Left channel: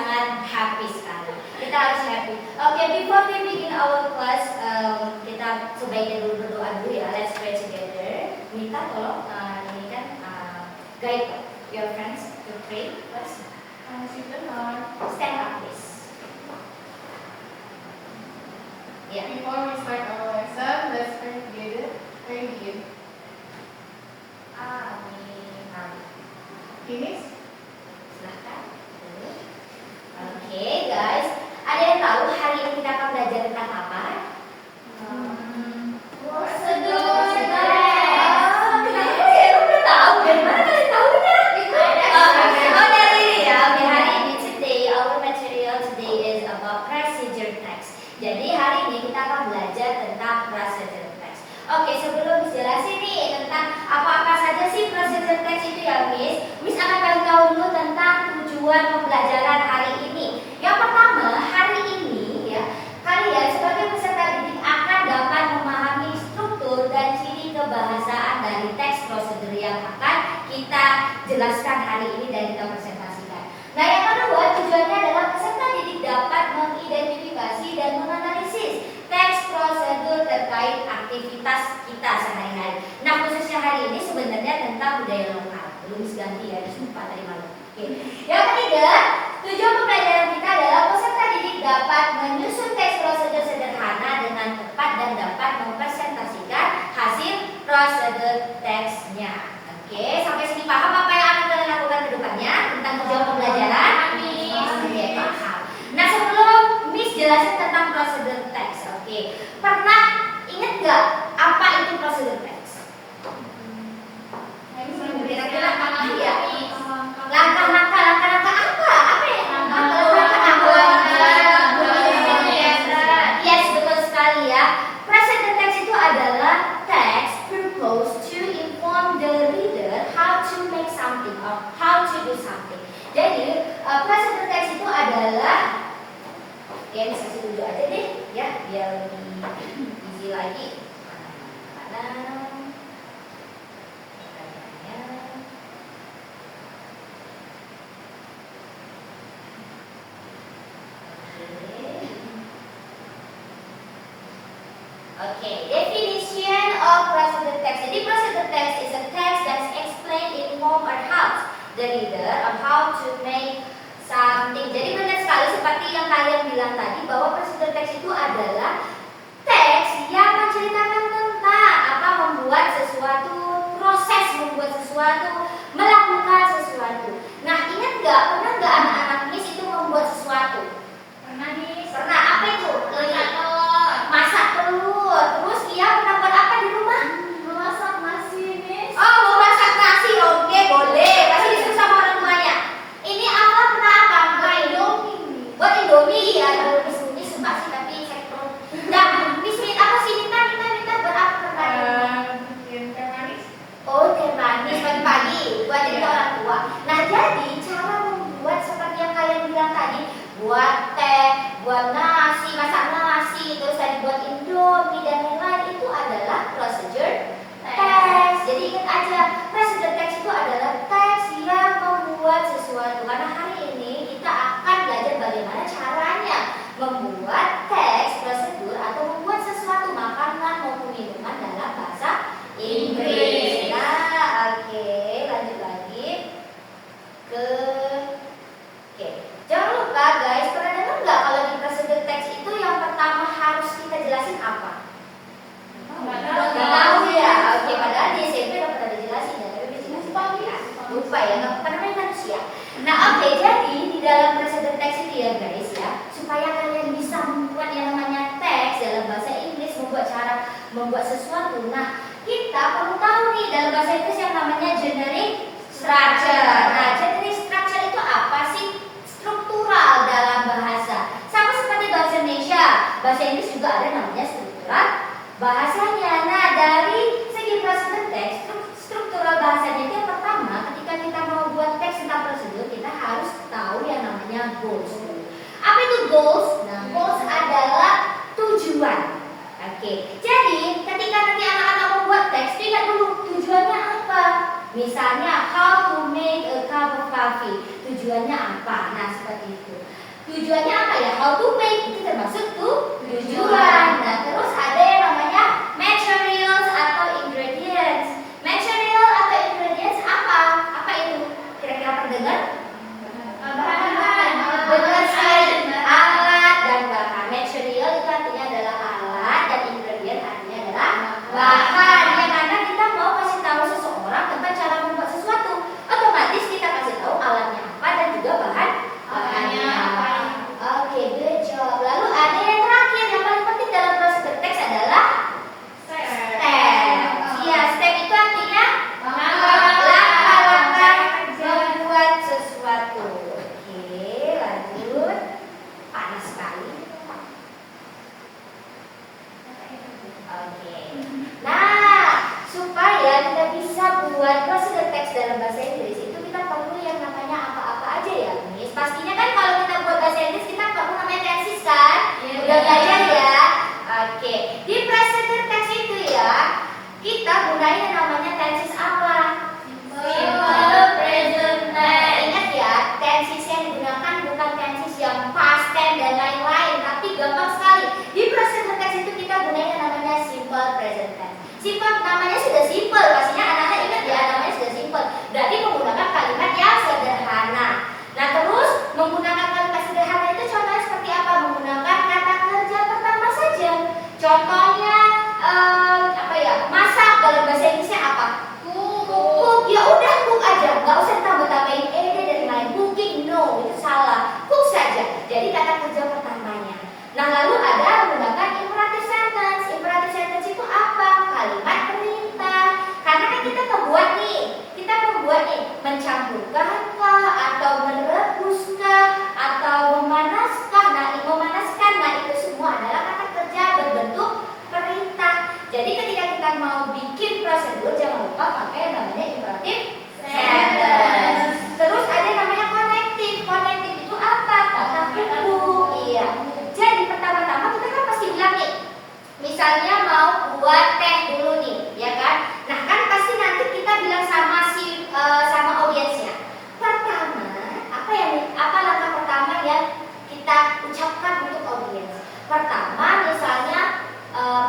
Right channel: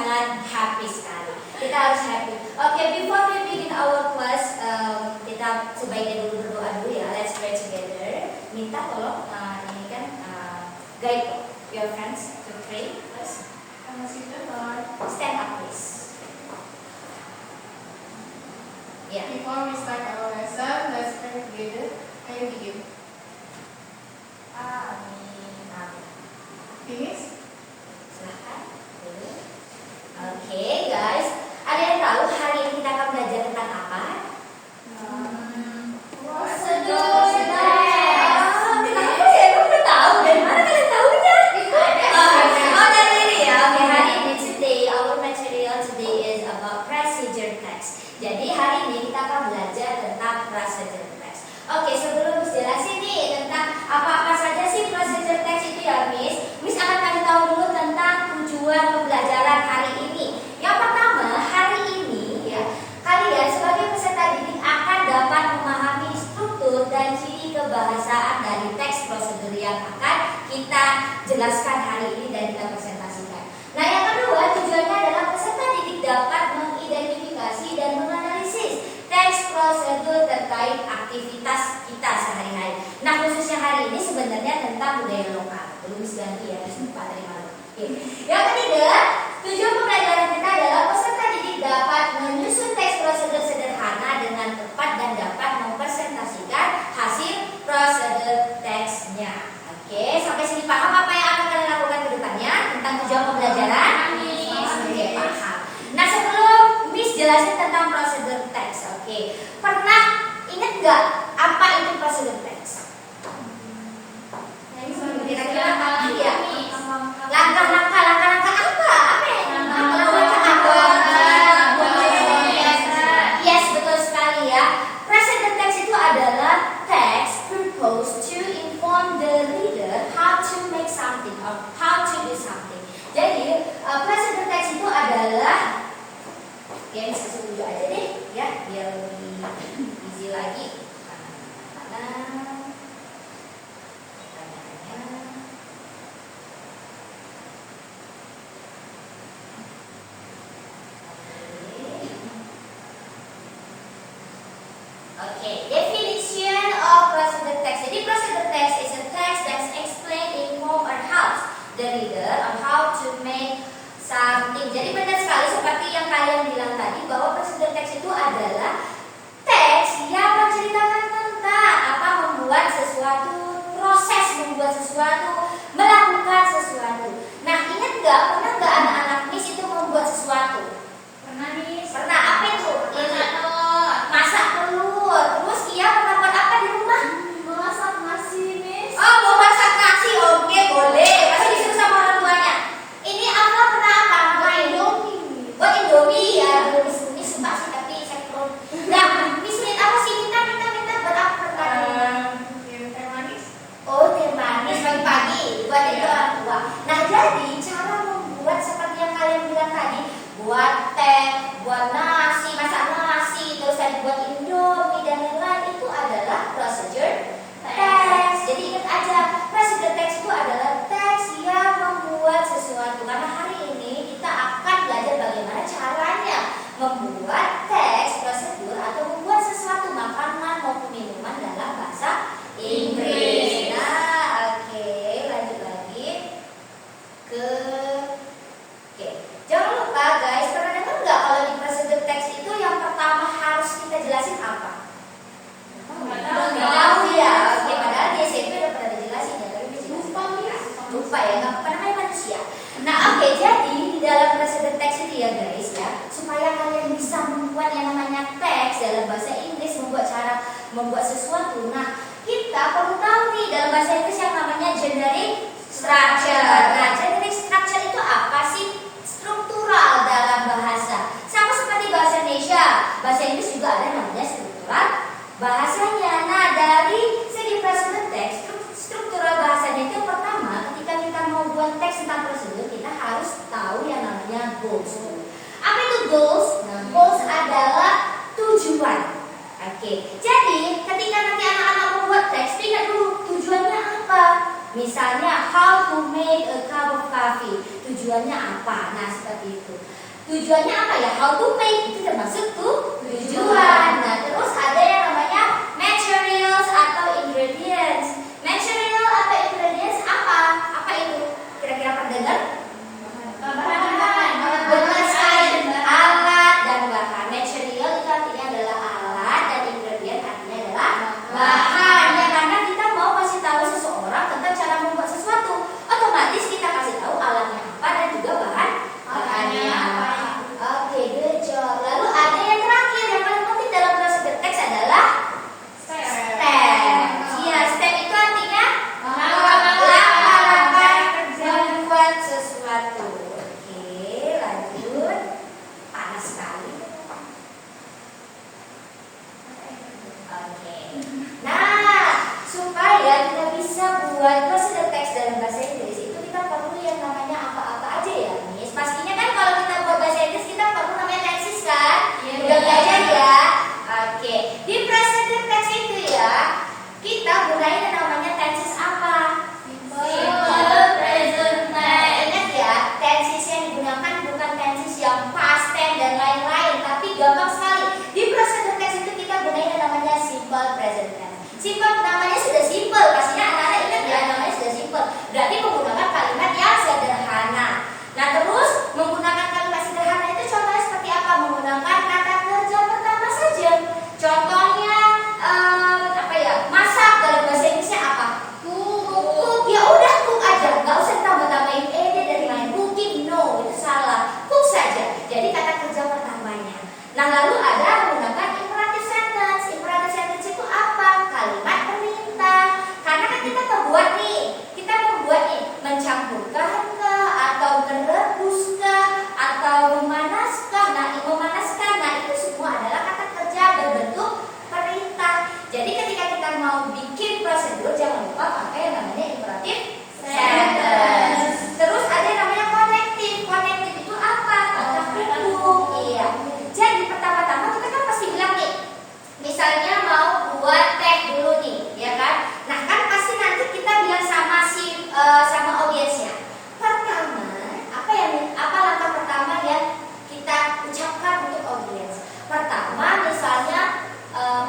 sangat happy sekali. Kita harus happy. Oke, before we begin our class, kita sebaiknya dulu berdoa dulu ya. Let's pray together. Minta tolong ini kan guide your friends to pray first. Stand up please. Yeah. Before we start our lesson, let's pray together and begin. Amin. Finish? Silahkan. Oke guys, ada yang tahu hari ini kita akan belajar tentang apa? Prosedur. Kenapa ya? Kamu udah tahu? Dari mana kalian tahu kan? Oh dari ini ya. Oke, hari ini today our material today is about procedure text. Jadi hari ini kita akan belajar tentang procedure text. Oke, sebelum Miss jelasin nih tentang apa-apa saja sih procedure text itu ya Miss akan kasih tahu dulu tentang tujuan pembelajaran hari ini. Yang pertama, hari ini ya, kalian sebagai peserta didik akan dapat memahami struktur dan ciri kebahasaan dari teks prosedur yang akan kita jelaskan hari ini dan kita presentasikan. Nah, yang kedua, tujuannya adalah peserta didik dapat mengidentifikasi dan menganalisis teks prosedur terkait aktivitas kita sehari-hari. Nah, khususnya hari ini sebenarnya tentang budaya lokal. Belum ganti ya, lupa tadi malam. Oke. Yang ketiga, tujuan pembelajaran kita adalah peserta didik dapat menyusun teks prosedur sederhana dengan tepat dan dapat mempresentasikan hasil prosedur teksnya. Oke, sampai sini paham apa yang akan kalian lakukan ke depannya tentang tujuan pembelajaran? Oke, paham. Nah, sebelum Miss jelasin tentang prosedur teks, oke. Pernah ingat nggak apa itu prosedur teks? Kira-kira apa ya? Langkah-langkah apa? Apa ya? Yes, betul sekali ya. Prosedur teks itu adalah teks proposed to inform the reader how to make something or how to do something. Jadi, prosedur teks itu adalah ya, bisa setuju aja deh ya, biar lebih easy lagi. Okay, definition of prosedur text. Jadi prosedur text is a text that explain, inform, or helps the reader on how to make something. Jadi benar sekali seperti yang kalian bilang tadi bahwa prosedur teks itu adalah teks yang menceritakan tentang apa membuat sesuatu, proses membuat sesuatu, melakukan sesuatu. Nah, ingat nggak? Pernah nggak anak-anak Miss itu membuat sesuatu? Pernah nih. Pernah. Apa itu? Masak telur. Terus dia pernah buat apa di rumah? Masak nasi, Miss. Oh, mau masak nasi. Oke, boleh. Pasti disuruh sama orang tuanya. Ini apa pernah apa? Buat Indomie. Buat Indomie ya. Miss suka sih tapi saya perlu. Nah, Miss apa sih? Minta buat apa pernah di rumah? Teh manis. Oh, teh manis pagi-pagi. Buat itu orang tua. Nah, jadi cara membuat seperti yang kalian bilang tadi, buat teh, buat nasi, masak nasi, terus tadi buat Indomie dan lain-lain, itu adalah prosedur teks. Jadi ingat aja, prosedur teks itu adalah teks yang membuat sesuatu. Karena hari ini kita akan belajar bagaimana caranya membuat teks prosedur atau membuat sesuatu makanan maupun minuman dalam bahasa Inggris. Nah, oke, lanjut lagi ke jangan lupa guys, pernah dengar nggak kalau di prosedur teks itu yang pertama harus kita jelasin apa? Nggak tahu ya. Oke, padahal di SMP udah pernah dijelasin ya, tapi lupa ya, nggak apa-apa, namanya manusia. Nah, oke, jadi di dalam prosedur teks itu ya guys ya, supaya kalian bisa membuat yang namanya teks dalam bahasa Inggris, membuat sesuatu. Nah, kita perlu tahu nih dalam bahasa Inggris yang namanya generic structure. Nah, generic structure itu apa sih? Struktural dalam bahasa. Sama seperti bahasa Indonesia, bahasa Inggris juga ada namanya struktural bahasanya. Nah, dari segi prosedur teks, struktural bahasanya itu yang pertama, ketika kita mau buat teks tentang prosedur, kita harus tahu yang namanya goals. Apa itu goals? Nah, goals adalah tujuan. Oke, jadi ketika nanti anak-anak membuat teks, ingat dulu tujuannya apa. Misalnya, how to make a cup of coffee. Tujuannya apa? Nah, seperti itu. Tujuannya apa ya? How to make itu termasuk tujuan. Nah, terus ada yang namanya materials atau ingredients. Material atau ingredients apa? Apa itu? Kira-kira pendengar? Benar sekali. Alat dan bahan. Material itu artinya adalah alat dan ingredient artinya adalah bahan. Ya, karena kita mau kasih tahu seseorang tentang cara membuat sesuatu, otomatis kita kasih tahu alatnya apa dan juga bahannya apa. Oke, good job. Lalu ada yang terakhir yang paling penting dalam proses berteks adalah step. Ya, step itu artinya langkah-langkah membuat sesuatu. Oke, lanjut. Panas sekali. Oke. Nah, supaya kita bisa buat prosedur teks dalam bahasa Inggris itu kita perlu yang namanya apa-apa aja ya, Miss. Pastinya kan kalau kita buat bahasa Inggris kita perlu namanya tenses kan? Udah belajar ya? Oke. Di prosedur teks itu ya, kita gunain yang namanya tenses apa? Simple present tense. Ingat ya, tenses yang digunakan bukan tenses yang past tense dan lain-lain, tapi gampang sekali. Di prosedur teks itu kita gunain yang namanya simple present tense. Simple namanya sudah simple, pastinya anak-anak ingat ya, namanya sudah simple. Berarti menggunakan kalimat yang sederhana. Nah, terus menggunakan kalimat sederhana itu contohnya seperti apa? Menggunakan kata kerja pertama saja. Contohnya apa ya? Masak dalam bahasa Inggrisnya apa? Cook. Ya udah cook aja, nggak usah tambah-tambahin ed dan lain. Cooking no, itu salah. Cook saja. Jadi kata kerja pertamanya. Nah, lalu ada menggunakan imperative sentence. Imperative sentence itu apa? Kalimat perintah. Karena kan kita membuat nih, mencampurkah kah, atau merebuskah, atau memanaskah. Nah, memanaskan, nah itu semua adalah kata kerja berbentuk perintah. Jadi ketika kita mau bikin prosedur, jangan lupa pakai yang namanya imperative sentence. Terus ada yang namanya connective. Connective itu apa? Kata hubung. Iya. Jadi pertama-tama kita kan pasti bilang nih, misalnya mau buat teh dulu nih, ya kan? Nah, kan pasti nanti kita bilang sama audiensnya. Pertama, apa langkah pertama yang kita ucapkan untuk audiens? Pertama, misalnya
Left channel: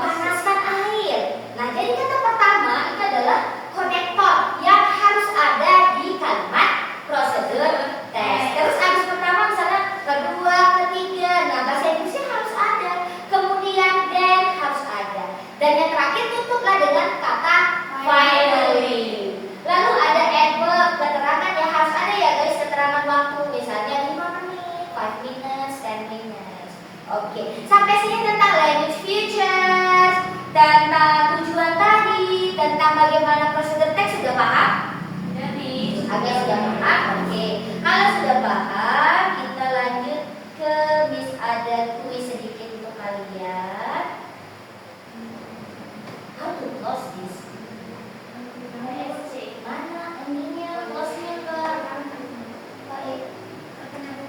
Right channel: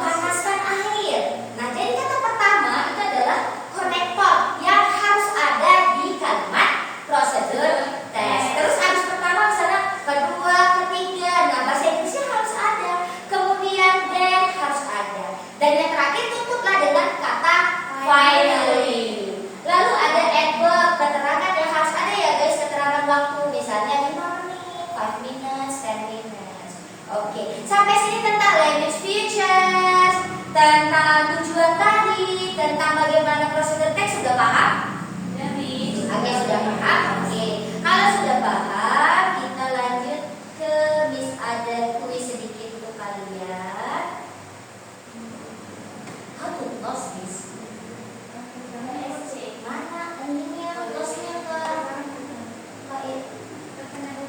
panaskan air. Nah, jadi kata pertama itu adalah konektor yang harus ada di kalimat prosedur tes. Terus habis pertama misalnya kedua, ketiga. Nah, bahasa Inggrisnya harus ada. Kemudian then harus ada. Dan yang terakhir tutuplah dengan kata finally. Lalu ada adverb, keterangan yang harus ada ya guys, keterangan waktu. Misalnya 5 menit, 5 minutes, 10 minutes. Oke, sampai sini tentang language features, tentang tujuan tadi, tentang bagaimana prosedur teks sudah paham? Agak sudah paham? Oke. Kalau sudah paham, kita lanjut ke Miss, ada kuis sedikit untuk kalian. How to close this? Mana ininya, close-nya ke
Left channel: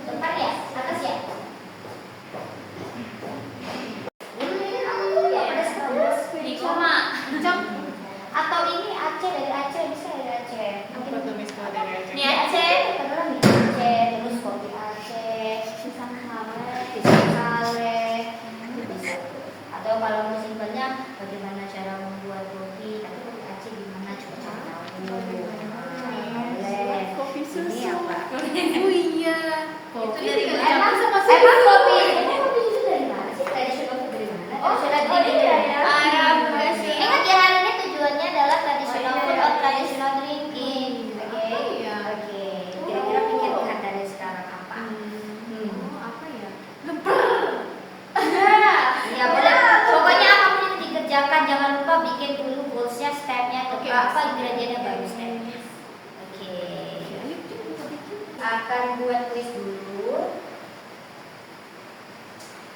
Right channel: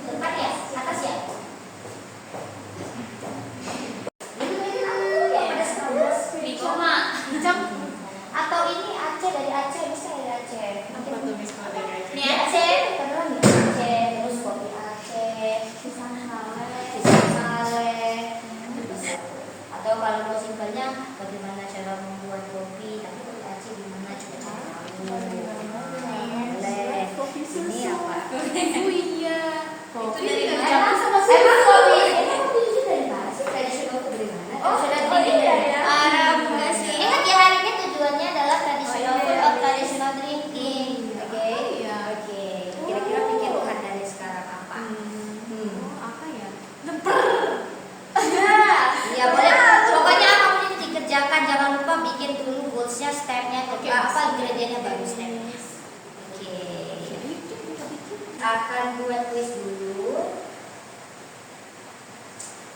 depan ya? Atas ya? Atau ini Aceh, dari Aceh, bisa dari Aceh. Apa tuh Miss kalau dari Aceh? Ini Aceh, kebetulan di Aceh, terus kopi Aceh, pisang sale. Atau kalau mau simpelnya, bagaimana cara membuat kopi, tapi kopi Aceh gimana coba tahu. Kopi susu. Ini apa? Oh iya. Itu dari Emang mana? Emang kopi susu dari mana sih? Tradisional itu dari mana? Tradisional iya ya. Ingat ya, hari ini tujuannya adalah traditional food or traditional drinking. Oke. Iya. Oke. Kira-kira pilihan dari sekarang apa? Apa ya? Ya boleh. Pokoknya apapun yang dikerjakan, jangan lupa bikin dulu goalsnya, stepnya, Oke. apa ingredientnya baru step. Oke. Akan buat kuis dulu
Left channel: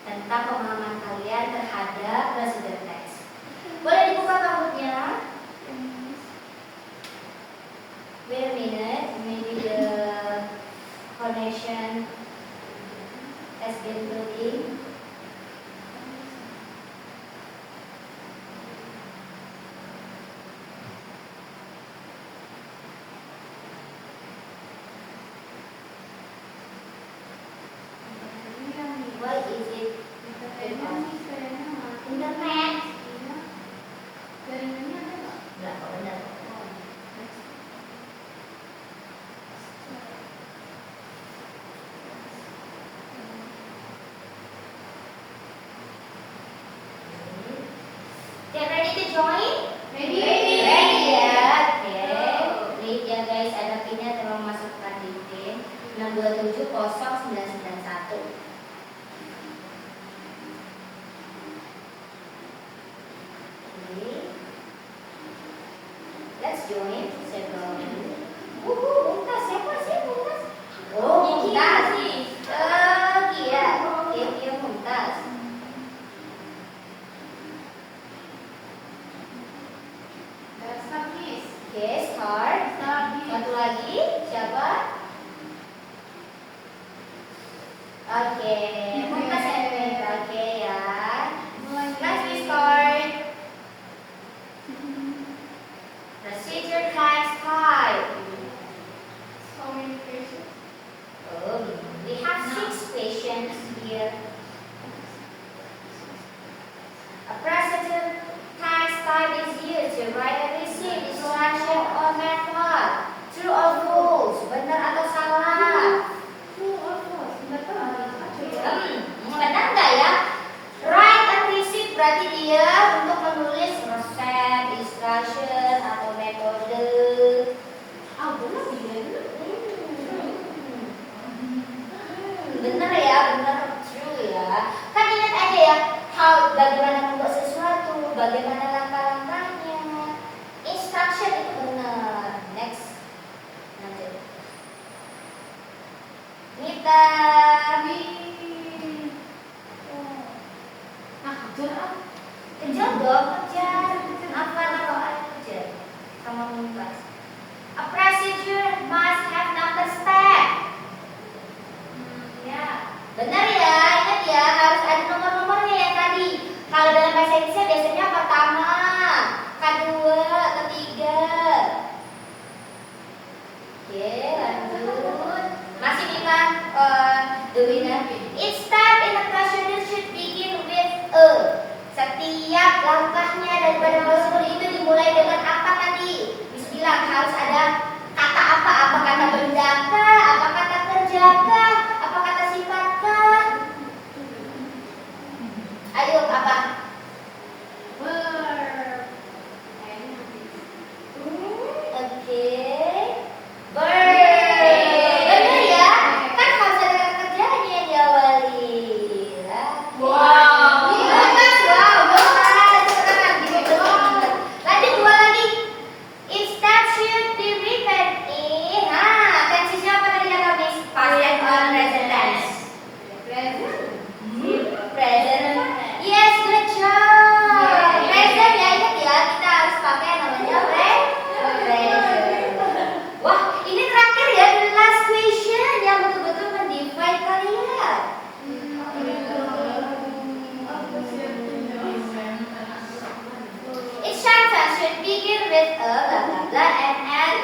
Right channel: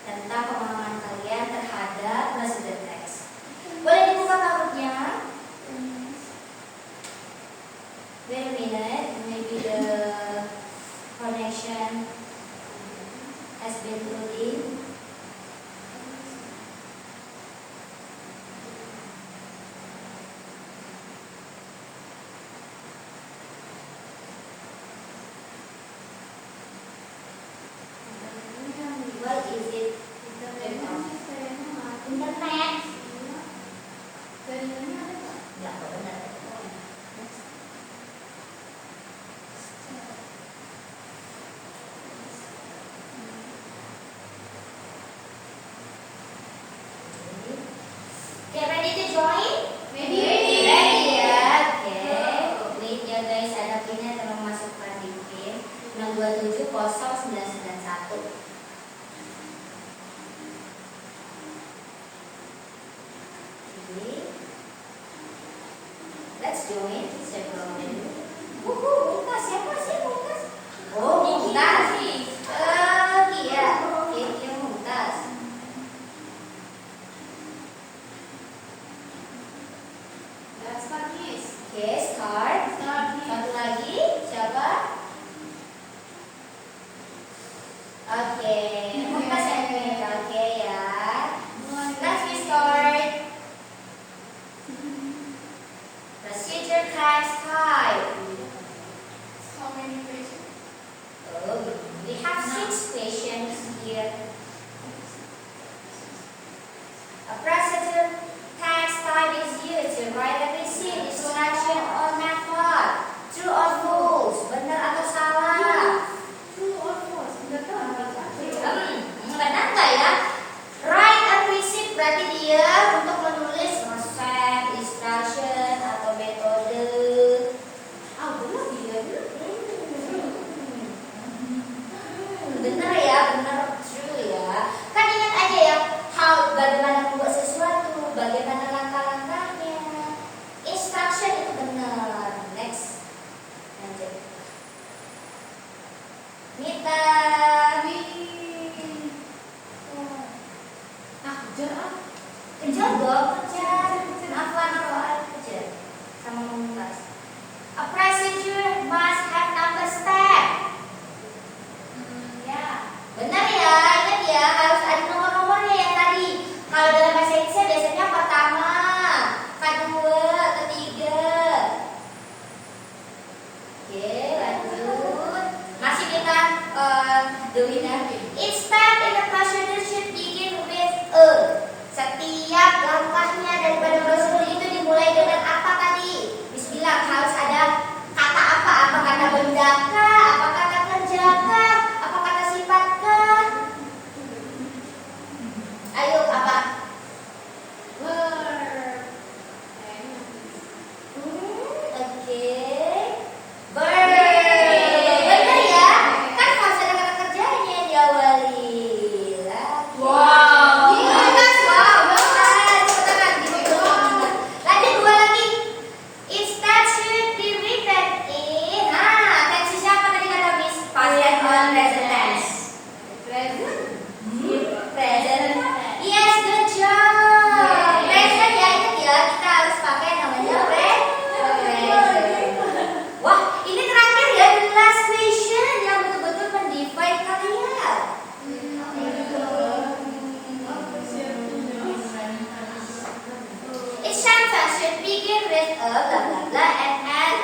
tentang pemahaman kalian terhadap prosedur teks. Boleh dibuka kahootnya? Wait a minute, maybe the connection has been put in. Oke, Mumtaz and Mira. Oke ya. Let's restart. Procedure task 5. So many patients. Oh, we have 6 patients here. A procedure task 5 is used to write and receive instruction or method. True or false? Benar atau salah? True or false? Tidak tahu. Benar nggak ya? Write and receive berarti dia untuk menulis resep, instruction atau metode. Benar dia. Benar ya, benar, true ya. Kan ingat aja ya, bagaimana membuat sesuatu, bagaimana langkah-langkahnya. Instruction itu benar. Next, lanjut. Mita. Kejar dong, kejar. Apa kejar? Sama Mumtaz. A procedure must have number step. Ya, benar ya. Ingat ya, harus ada nomor-nomornya yang tadi. Kalau dalam bahasa Indonesia biasanya pertama, kedua, ketiga. Oke, lanjut. Masih kita the winner. Each step in the procedure should begin with a. Setiap langkahnya daripada prosedur itu dimulai dengan apa tadi? Bismillah, harus ada kata apa? Apa kata benda kah? Apa kata kerja kah? Apa kata sifat kah? Ayo, apa? Verb. Oke. Verb. Benar ya? Kan harus ada kata kerjanya yang diawali. Wow. Bagus, wow, bagus. Lanjut dua lagi. Instead should be written in. Tensinya apa tadi kata Miss? Past tense or present tense? Present. Yes, good job. Present ya, ingat ya, kita harus pakai yang namanya present. Wah, ini terakhir ya, the last question yang betul-betul mendefine kalian. Each sentence should begin with a blah blah blah and end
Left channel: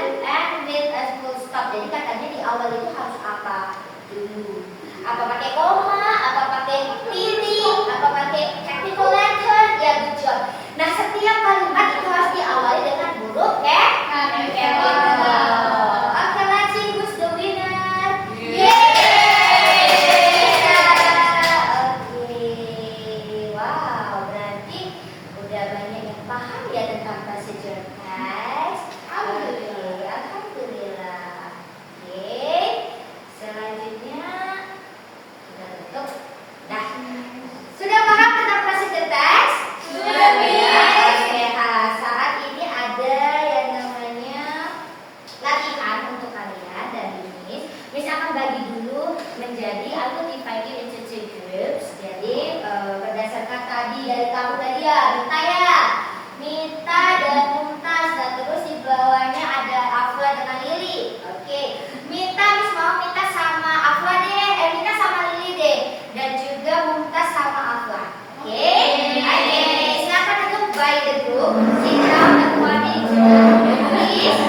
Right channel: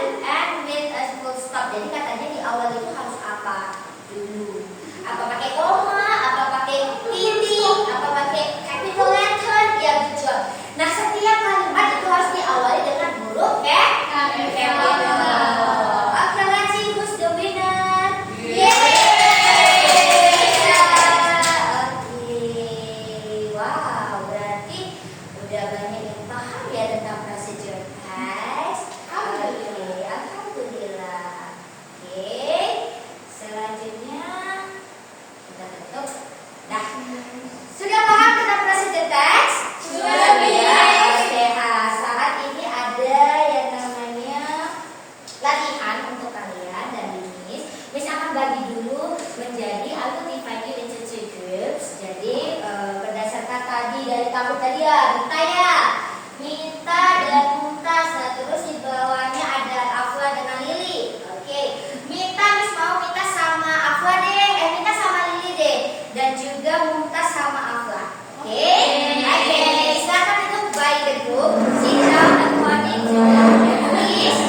with a full stop. Jadi katanya di awal itu harus apa dulu? Apa pakai koma? Apa pakai titik? Apa pakai capital letter? Ya, good job. Nah, setiap kalimat itu harus diawali dengan huruf capital. Oke, let's see who's the winner. Oke, wow, berarti udah banyak yang paham ya tentang procedure test. Oke, alhamdulillah. Oke, selanjutnya kita tutup. Nah, sudah paham tentang procedure test? Sudah, ya. Oke, nah, saat ini ada yang namanya latihan untuk kalian dari Miss. Miss akan bagi dulu menjadi aku divide you into 2 groups. Jadi berdasarkan tadi dari kamu tadi ya, Mita dan Mumtaz. Dan terus di bawahnya ada Afla dengan Lili. Oke, Mita Miss mau Mita sama Afla deh, Mita sama Lili deh, dan juga Mumtaz sama Afla. Oke, silakan itu by the group. Sit down according to the list.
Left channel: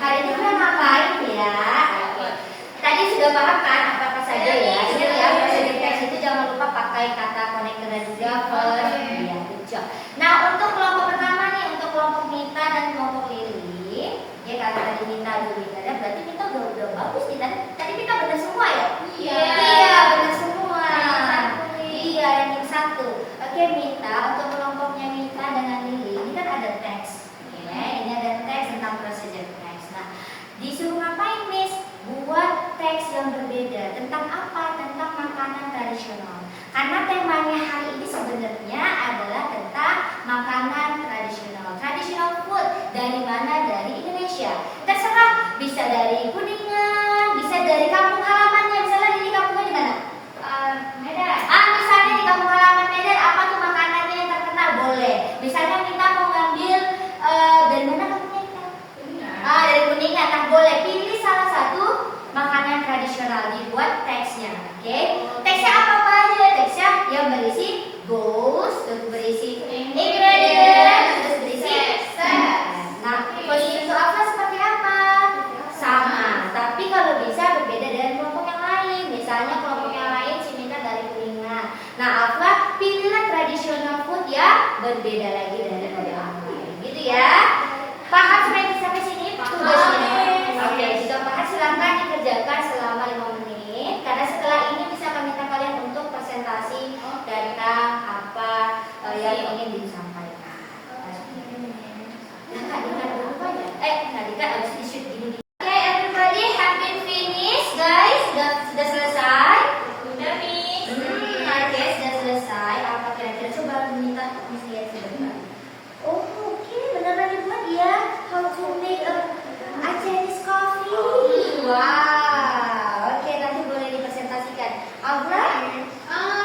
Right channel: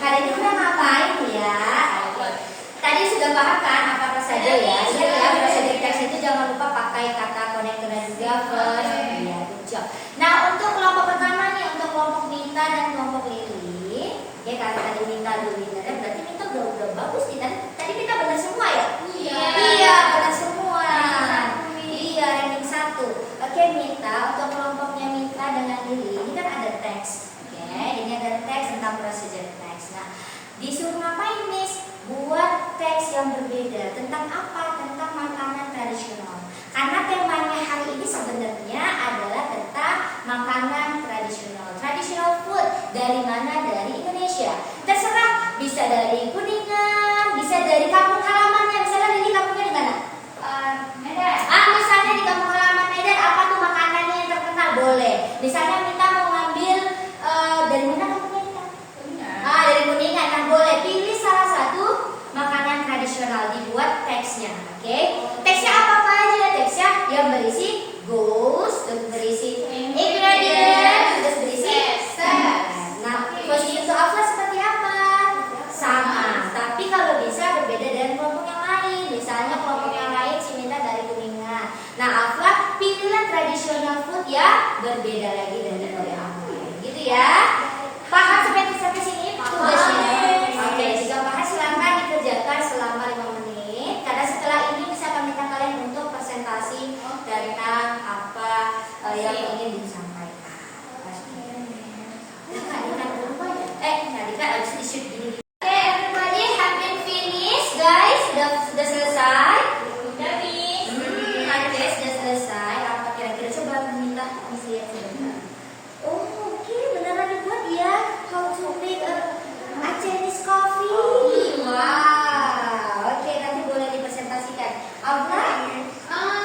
Hari ini kita ngapain ya? Tadi sudah paham kan apa saja ya? Ingat ya, procedure text itu jangan lupa pakai kata konektor dan juga verb. Ya, good job. Nah, untuk kelompok pertama nih, untuk kelompok Mita dan kelompok Lili, ya kata tadi Mita dulu ya, berarti Mita udah bagus nih. Tadi Mita benar semua ya? Iya, benar semua. Iya, dan yang satu. Oke, Mita, untuk kelompoknya Mita dengan Lili, ini kan ada teks. Oke, ini ada teks tentang procedure text. Nah, disuruh ngapain, Miss? Buat teks yang berbeda. Tentang apa? Tentang makanan tradisional. Karena temanya hari ini sebenarnya adalah tentang makanan tradisional. Traditional food dari mana? Dari Indonesia. Terserah, bisa dari Kuningan, bisa dari kampung halamannya. Misalnya ini kampungnya di mana? Medan. Misalnya di kampung halaman Medan, apa tuh makanannya yang terkenal? Boleh. Misalnya kita mau ngambil dari mana kampungnya kita? Dari Kuningan. Nah, boleh pilih teksnya, oke? Teksnya apa aja? Teksnya yang berisi goals, terus berisi ingredient, terus berisi step. Nah, posisi untuk Afla seperti apa? Sama, tapi kalau bisa berbeda dengan kelompok yang lain. Misalnya kelompok yang lain Ciminta dari Kuningan. Nah, Afla pilihlah tradisional food yang berbeda lagi dari yang lain, gitu ya. Paham sampai sini tugasnya? Oke, jika paham silahkan dikerjakan selama 5 menit. Karena setelah ini bisa kami minta kalian untuk presentasi tentang apa yang ingin disampaikan. Nah, Kak Dika apa ya? Kak Dika harus di-shoot gini. Oke, everybody have been finished, guys. Sudah selesai? Sudah, Miss. Oke, sudah selesai. Apa kira-kira coba minta Miss lihat sebentar. Oh, oke, beneran dibuat ya. How to make a Chinese coffee. Wow. Oke, nanti boleh dipresentasikan. Abla?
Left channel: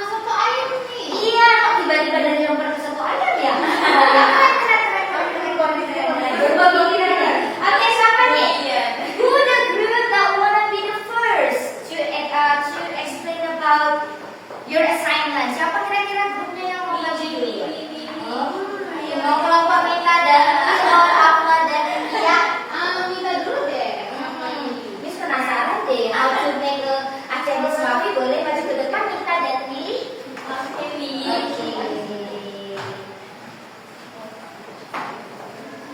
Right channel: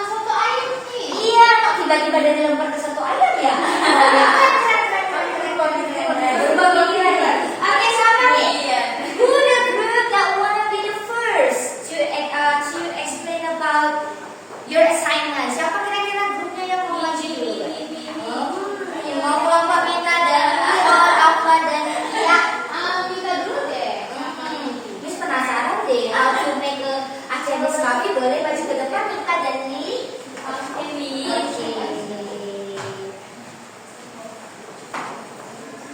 Soto ayam nih. Iya, kok tiba-tiba dari lempar ke soto ayam ya? Oke, siapa nih? Who the group that wanna be the first to explain about your assignment? Siapa kira-kira grupnya yang mau maju dulu? Mau kelompok Minta dan Afla dan Tia. Minta dulu deh. Miss penasaran deh, how to make a Chinese coffee. Boleh maju ke depan Minta dan Tia. Oke.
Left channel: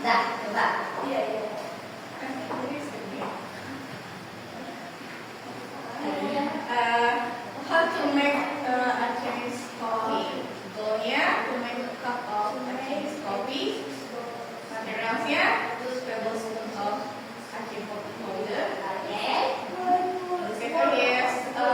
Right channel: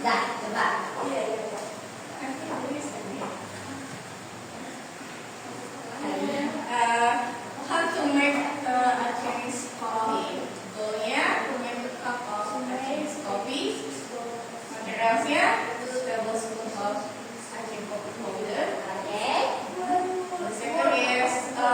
Nah, coba. How to make a Chinese coffee? Goalnya to make a cup of Chinese coffee. Materialsnya 2 tablespoon of Chinese coffee powder. Oke. The second is to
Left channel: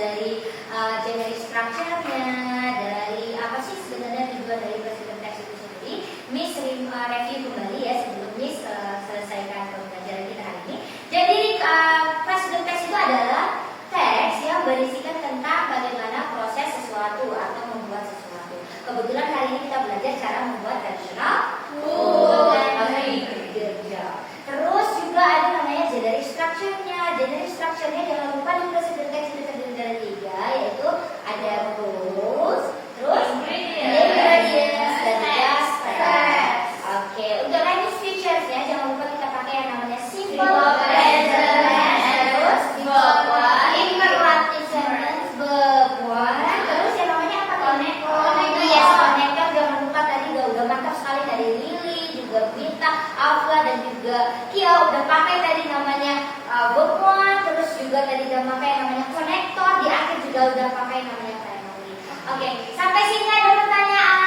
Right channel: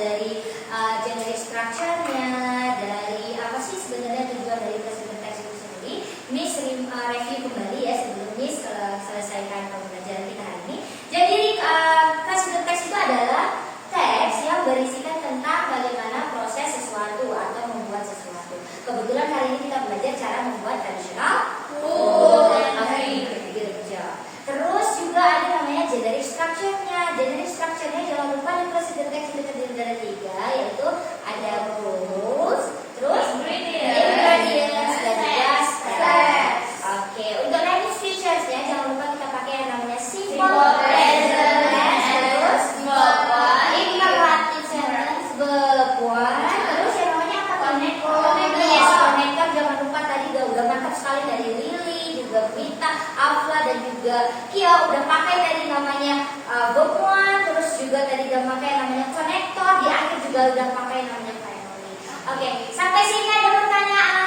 dari generic structure-nya, dari apa sih sebenarnya tujuan dari present text itu sendiri. Miss review kembali ya sebelum Miss selesaikan pembelajaran kita hari ini. Jadi present text itu adalah teks yang berisikan tentang bagaimana proses sesuatu atau membuat sesuatu. Kebetulan hari ini kita belajar cara membuat tradisional food and bekerja. Terus juga ada namanya generic structure-nya. Generic structure-nya jangan lupa di present text itu terdiri dari 3, yaitu ada rules, terus ingredients, dan juga steps. Oke, untuk language features ya, jangan lupa kita pakai yang namanya simple present tense, terus imperative sentence, verb one, terus yang namanya apa? Connector. Yes, connector jangan lupa tadi udah mantap sekali dari Lily, juga Mita, Afla, dan juga Kia udah pakai tadi namanya verb one, terus juga tadi udah pakai yang namanya connector, di akhir juga udah pakai namanya primary. Oke, sampai sini ada pertanyaan?